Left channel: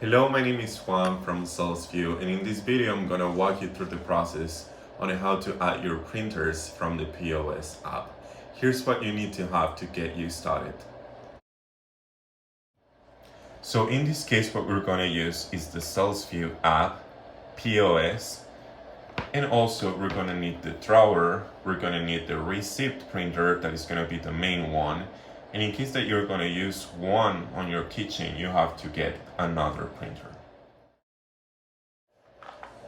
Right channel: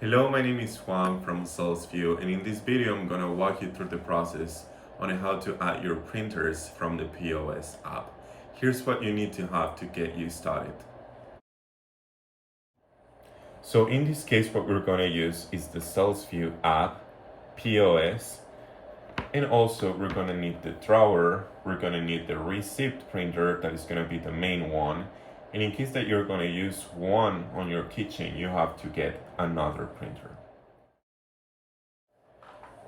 Hello, my name is Juan from SalesVu, and in this video I'm gonna walk you through the process on how to add your printers from the POS app. Here's what you need to have to get you started. So in this case, what we're gonna use is the SalesVu app, POS, and also we're gonna need the drawer, we're gonna need the receipt printer that is gonna be the main one, and in case that you're gonna use one on your kitchen, you have to get another printer.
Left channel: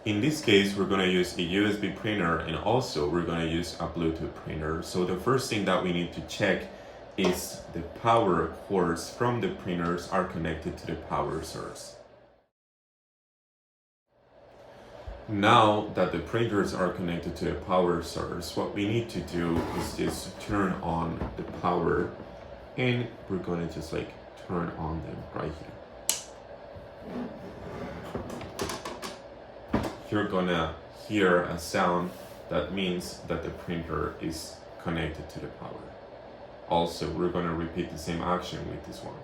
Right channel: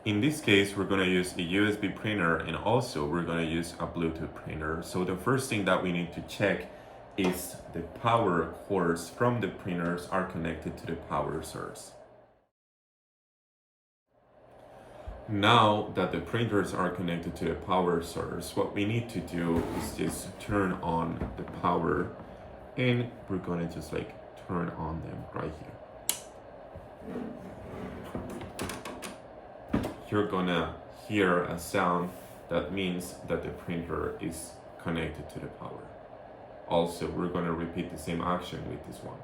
In this case, we're going to use a USB printer and also we're going to use a Bluetooth printer. So the first thing that we need to check is the power cords from the printers are connected to the power source. Now that the printers are connected to the power source, what we need to do is just turn on the power, and we're going to just turn on them right here. You're gonna hear a sound that means that the printer is connected to the power. Also, we're gonna repeat the same action with this one.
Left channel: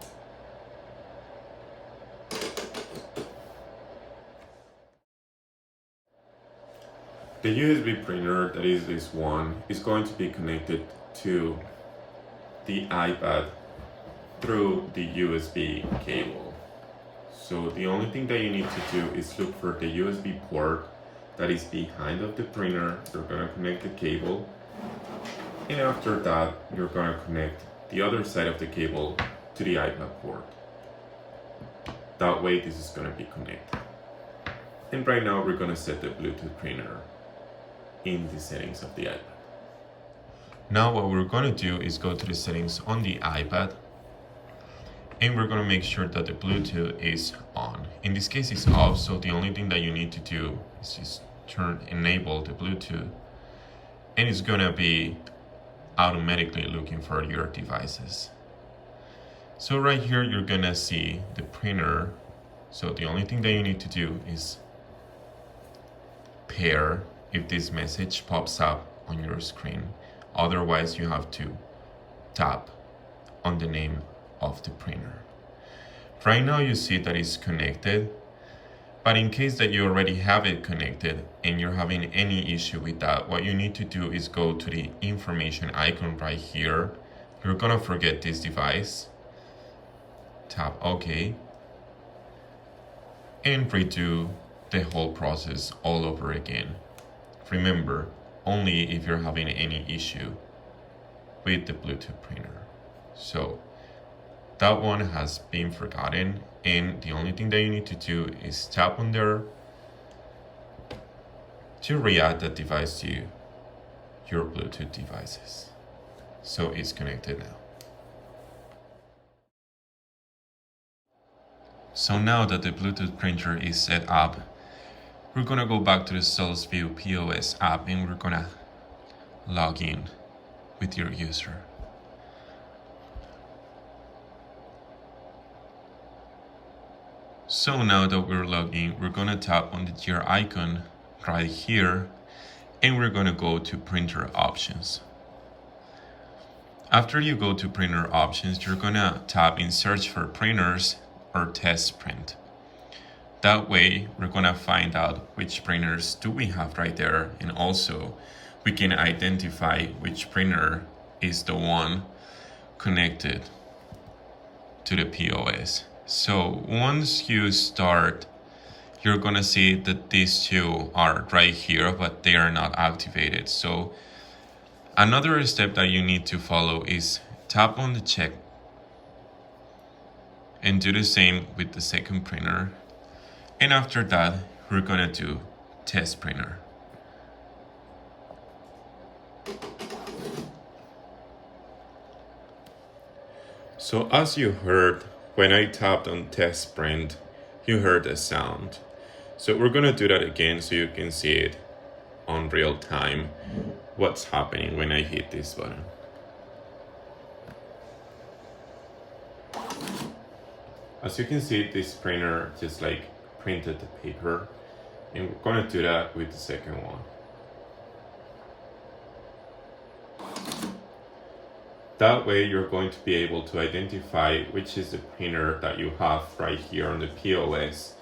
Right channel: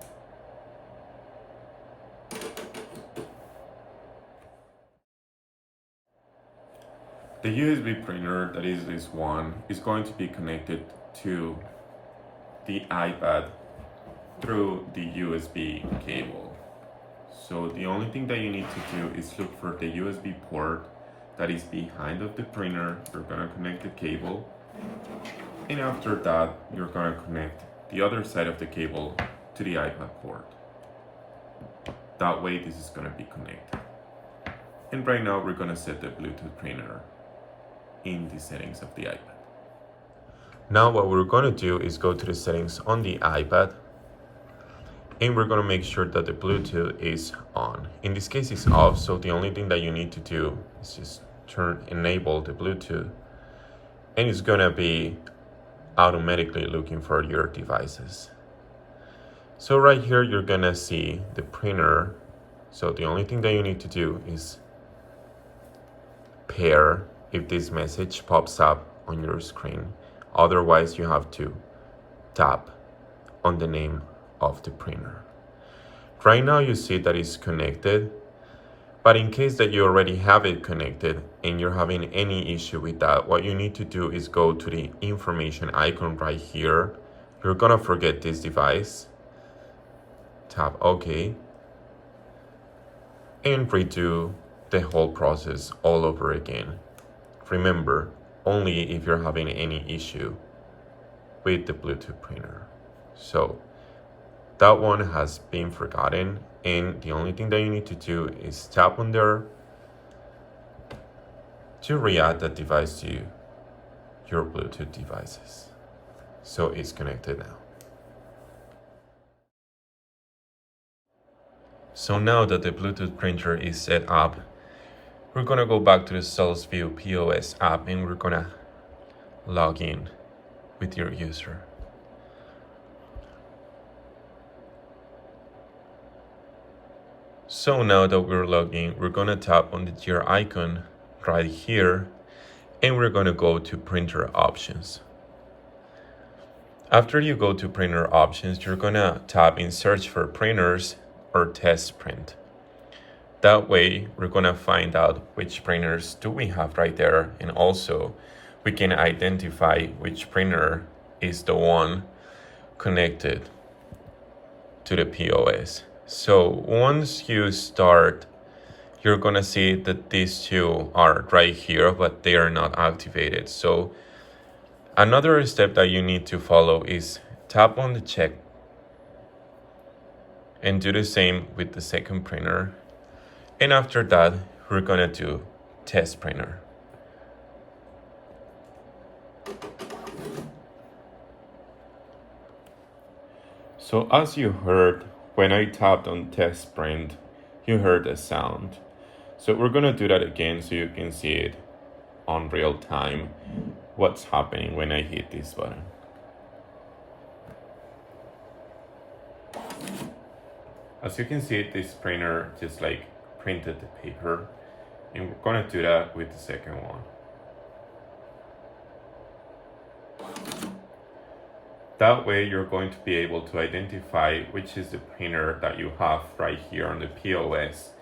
The USB printer, that is this one, is going to be connected to the iPad through the USB cable. So the only thing that you need to do is look for the USB port that is behind of the printer. You're gonna connect the cable, and after that, you're gonna connect the other side of the cable to the iPad port. That way, this is gonna be connected. And right now, we're gonna set the Bluetooth printer in the settings of the iPad. Now, what we're gonna do is go to the settings on the iPad, and we're going to make sure that the Bluetooth is on. In this case, it's off, so the only thing that you need to do is just enable the Bluetooth, and it's going to be automatically looking for your devices. So right here, you're going to see the printer. So the only thing that you need to do is pair if this message pops up on your screen. Otherwise, you have to tap on the name of the printer. Right now you see that it's connected, but in case that you already have it connected and you're having any issue with that, what you need to do is go to the information icon right here. You're gonna forget this device, tap OK, and redo the whole process all over again. Remember, only if you're having any issue with the Bluetooth printer. So that one has been forgotten, and the only thing that you need to do is tap on there to re-add that device to your Bluetooth devices. So it's connected now. So now that the Bluetooth printer is set up, we're gonna go back to the SalesVu POS app and we're gonna log in with your user. So now that we're logged in, we're gonna tap on the gear icon right here, and we're gonna go to printer options. After you go to printer options, you're gonna tap in search for printers or test print. That way, we're gonna find out which printers do we have right there, and also we can identify which printer is the one connected to the POS. So once you start, you're gonna see that these two are right here, but they are not activated. So another step that you need to follow is tap on the check and do the same with the second printer. And after that, we're gonna do test printer. So as you heard, when I tapped on test print, you heard a sound. So we're gonna do that again so you can see it on real time, what's happening when I hit this button. As you can see, this printer just printed the paper, and we're gonna do that with the second one. That way you're going to be able to identify which is the printer that you have right here on the POS.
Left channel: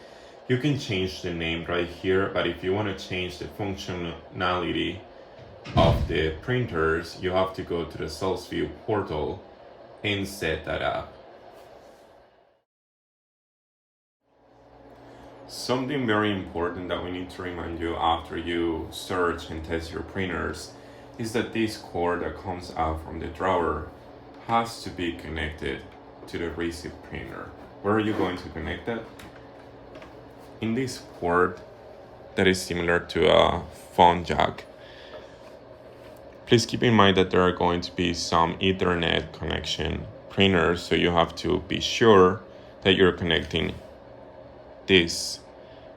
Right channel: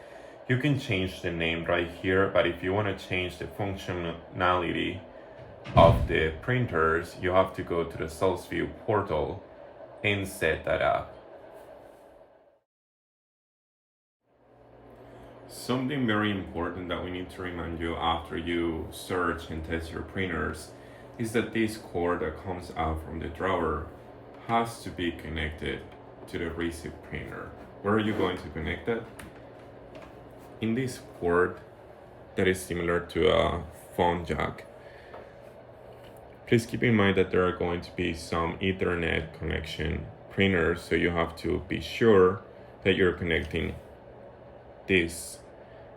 You can change the name right here, but if you want to change the functionality of the printers, you have to go to the SalesVu portal and set that up. Something very important that we need to remind you after you search and test your printers is that this cord that comes out from the drawer has to be connected to the receive printer. Where are you going to connect it? In this port that is similar to a phone jack. Please keep in mind that there are going to be some Ethernet connection printers, so you have to be sure that you're connecting this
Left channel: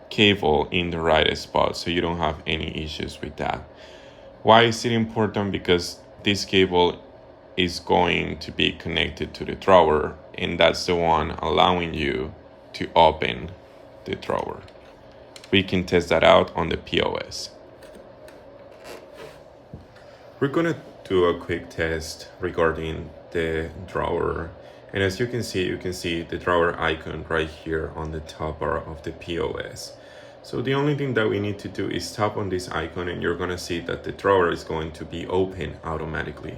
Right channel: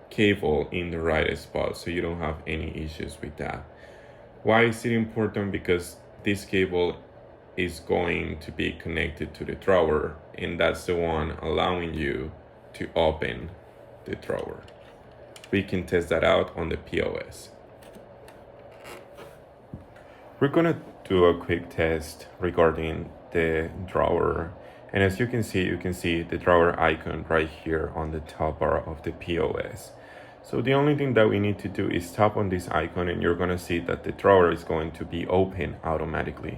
cable in the right spot so you don't have any issues with that. Why is it important? Because this cable is going to be connected to the drawer, and that's the one allowing you to open the drawer. We can test that out on the POS. We're gonna do a quick test regarding the drawer. And as you can see the drawer icon right here on the top bar of the POS. So the only thing that we need to do is tap on this icon, and you're gonna see that the drawer is going to be open automatically.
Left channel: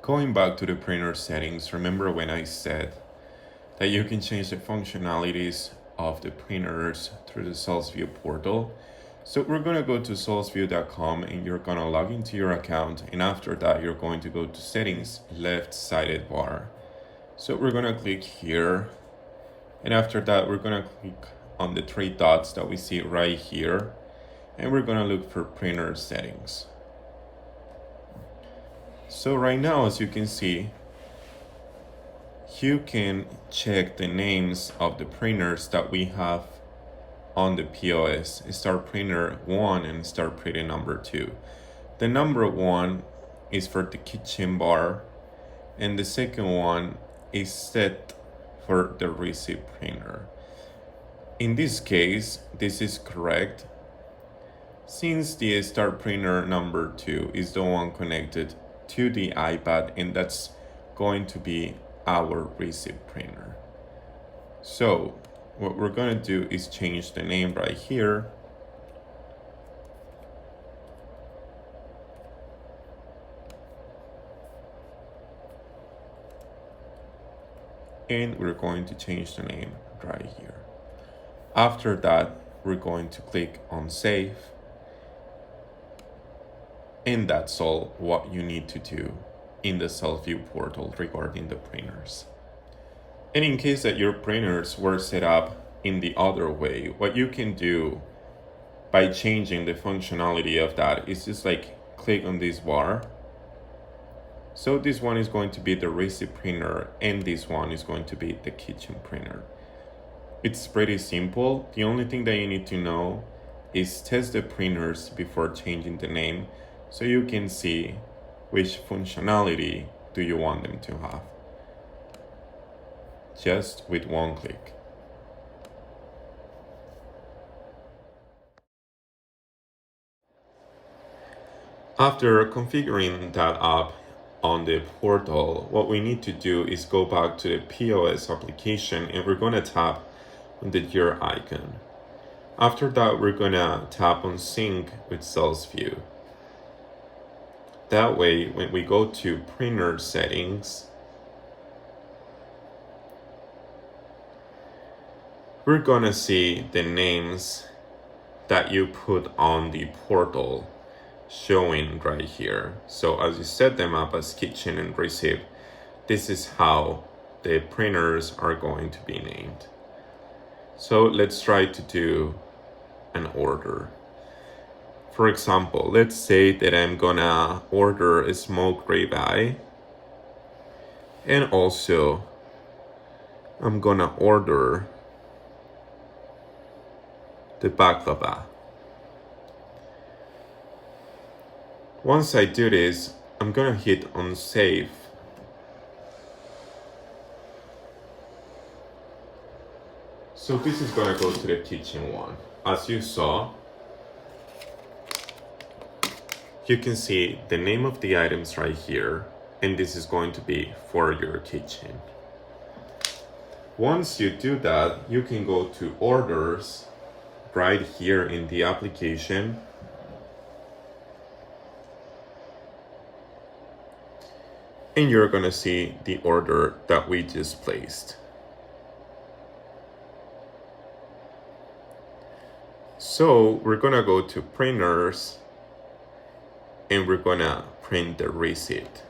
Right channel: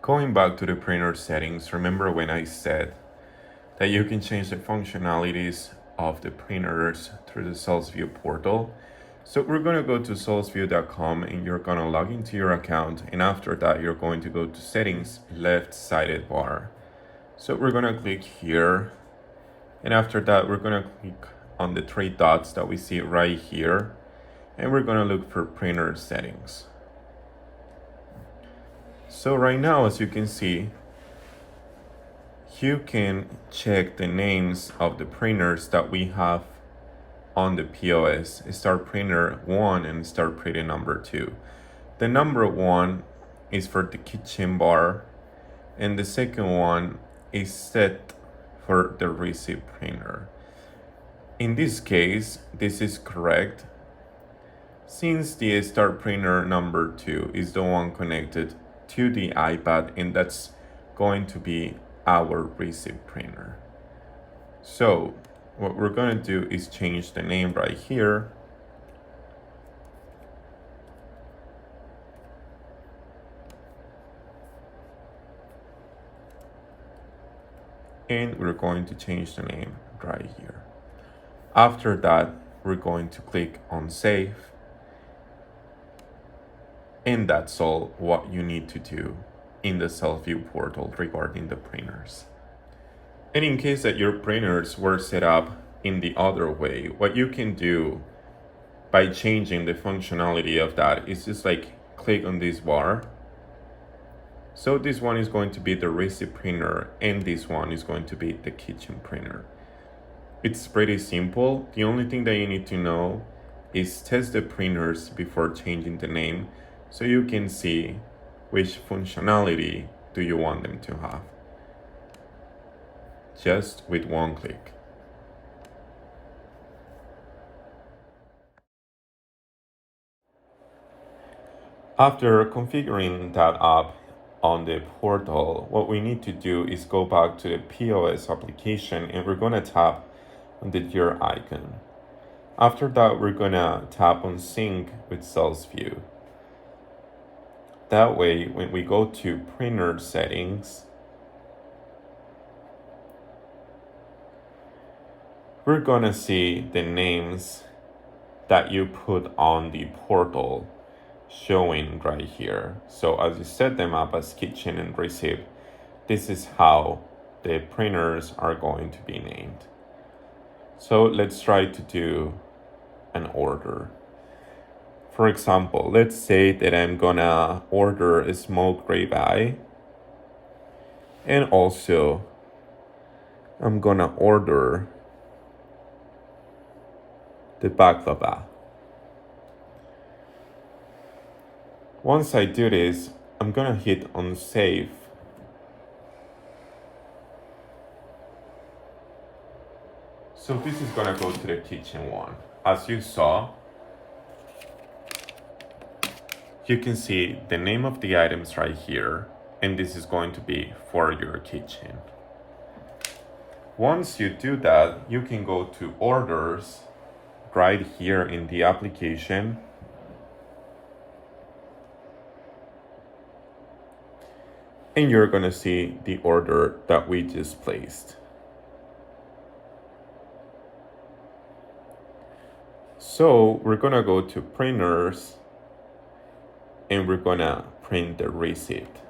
Going back to the printer settings, remember when I said that you can change the functionalities of the printers through the SalesVu portal? So we're gonna go to salesvu.com and you're gonna log into your account, and after that you're going to go to settings, left sided bar. So we're gonna click here, and after that we're gonna click on the three dots that we see right here, and we're gonna look for printer settings. So right now, as you can see, you can check the names of the printers that we have on the POS, start printer 1 and start printer number 2. The number 1 is for the kitchen bar, and the second one is set for the receive printer. In this case, this is correct, since the start printer number 2 is the one connected to the iPad, and that's going to be our receive printer. So what we're going to do is change the name right here. And we're going to change the name right here. After that, we're going to click on save. And that's all what you need to do in the SalesVu portal regarding the printers. And in case that your printers were set up in the other way, what you can do by changing the functionality of that is just like click on this bar. So this one is going to be the receive printer, and this one is going to be the kitchen printer. It's pretty simple. The only thing that you need to know is test the printers before changing the name, so you can see which functionality do you want them to have. Just with one click. After configuring that up on the portal, what we need to do is go back to the POS application, and we're going to tap on the gear icon. After that, we're going to tap on sync with SalesVu. That way, when we go to printer settings, we're going to see the names that you put on the portal showing right here. So as you set them up as kitchen and receive, this is how the printers are going to be named. So let's try to do an order. For example, let's say that I'm gonna order a smoked ribeye, and also I'm gonna order the baklava. Once I do this, I'm gonna hit on save. So this is gonna go to the kitchen one. As you saw, you can see the name of the items right here, and this is going to be for your kitchen. Once you do that, you can go to orders right here in the application. And you're gonna see the order that we just placed. So we're gonna go to printers and we're gonna print the receipt.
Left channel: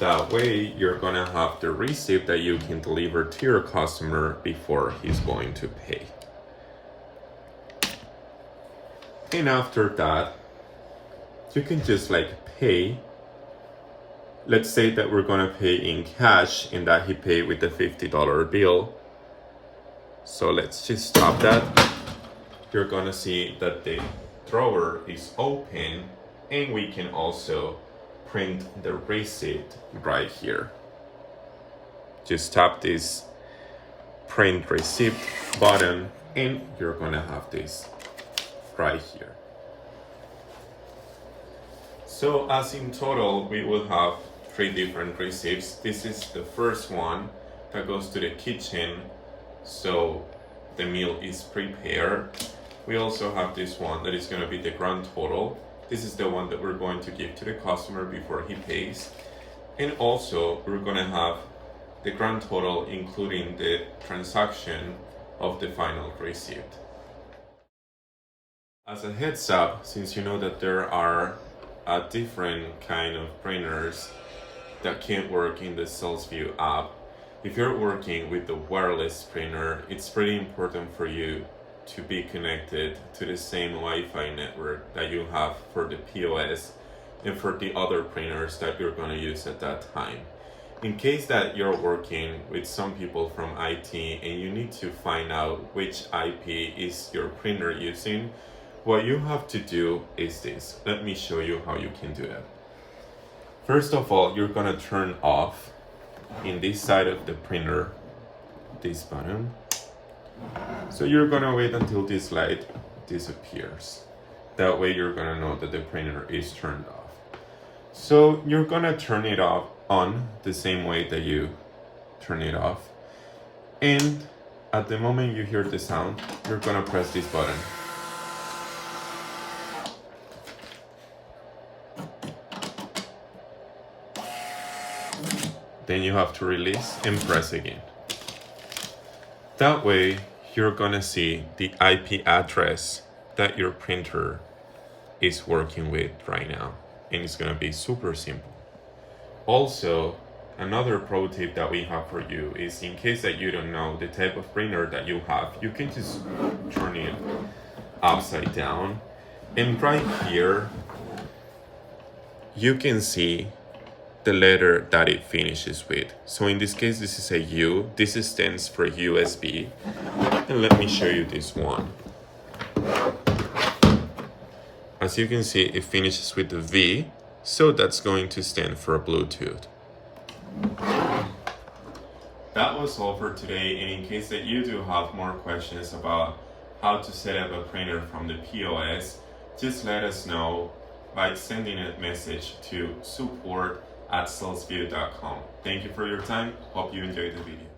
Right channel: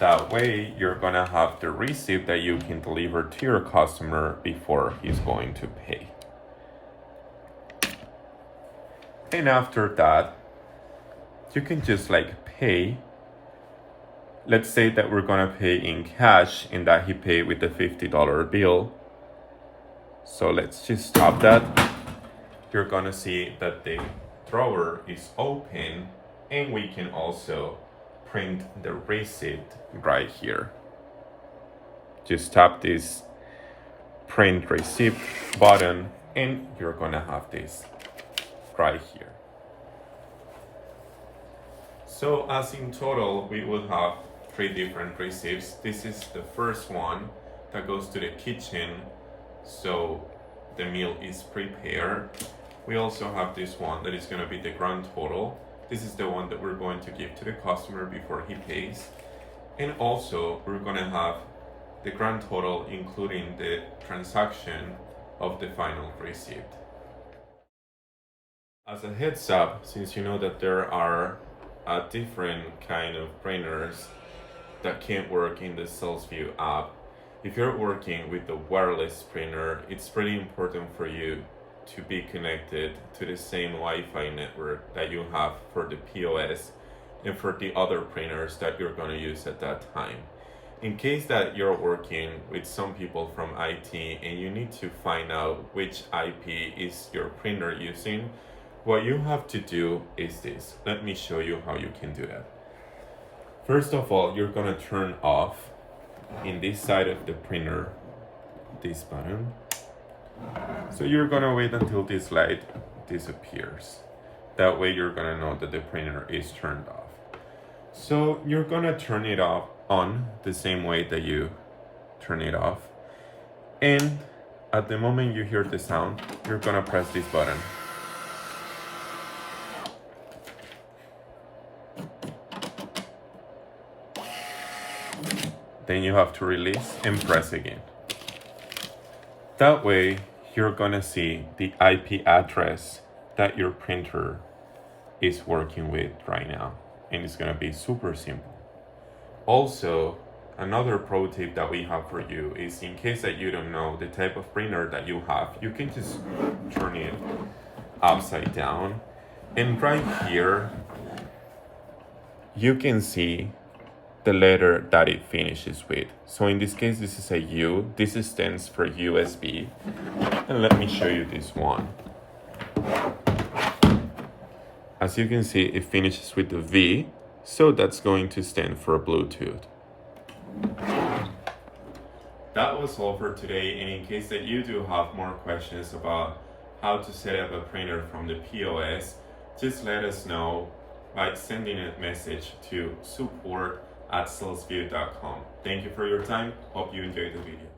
That way, you're gonna have the receipt that you can deliver to your customer before he's going to pay. And after that, you can just like pay. Let's say that we're gonna pay in cash and that he paid with the $50 bill. So let's just stop that. You're gonna see that the drawer is open and we can also print the receipt right here. Just tap this print receipt button and you're gonna have this right here. So as in total, we will have 3 different receipts. This is the first one that goes to the kitchen, so the meal is prepared. We also have this one that is gonna be the grand total. This is the one that we're going to give to the customer before he pays. And also we're gonna have the grand total including the transaction of the final receipt. As a heads up, since you know that there are a different kind of printers that can't work in the SalesVu app, if you're working with the wireless printer, it's pretty important for you to be connected to the same Wi-Fi network that you have for the POS and for the other printers that you're going to use at that time. In case that you're working with some people from IT and you need to find out which IP is your printer using, what you have to do is this. Let me show you how you can do that. First of all, you're gonna turn off in this side of the printer, this button. So you're gonna wait until this light disappears. That way you're gonna know that the printer is turned off. So you're gonna turn it off on the same way that you turn it off. And at the moment you hear the sound, you're gonna press this button. Then you have to release and press again. That way, you're gonna see the IP address that your printer is working with right now. And it's gonna be super simple. Also, another pro tip that we have for you is in case that you don't know the type of printer that you have, you can just turn it upside down. And right here, you can see the letter that it finishes with. So in this case, this is a U. This stands for USB. And let me show you this one. As you can see, it finishes with the V. So that's going to stand for Bluetooth. That was all for today. And in case that you do have more questions about how to set up a printer from the POS, just let us know by sending a message to support@salesvu.com. Thank you for your time. Hope you enjoyed the video.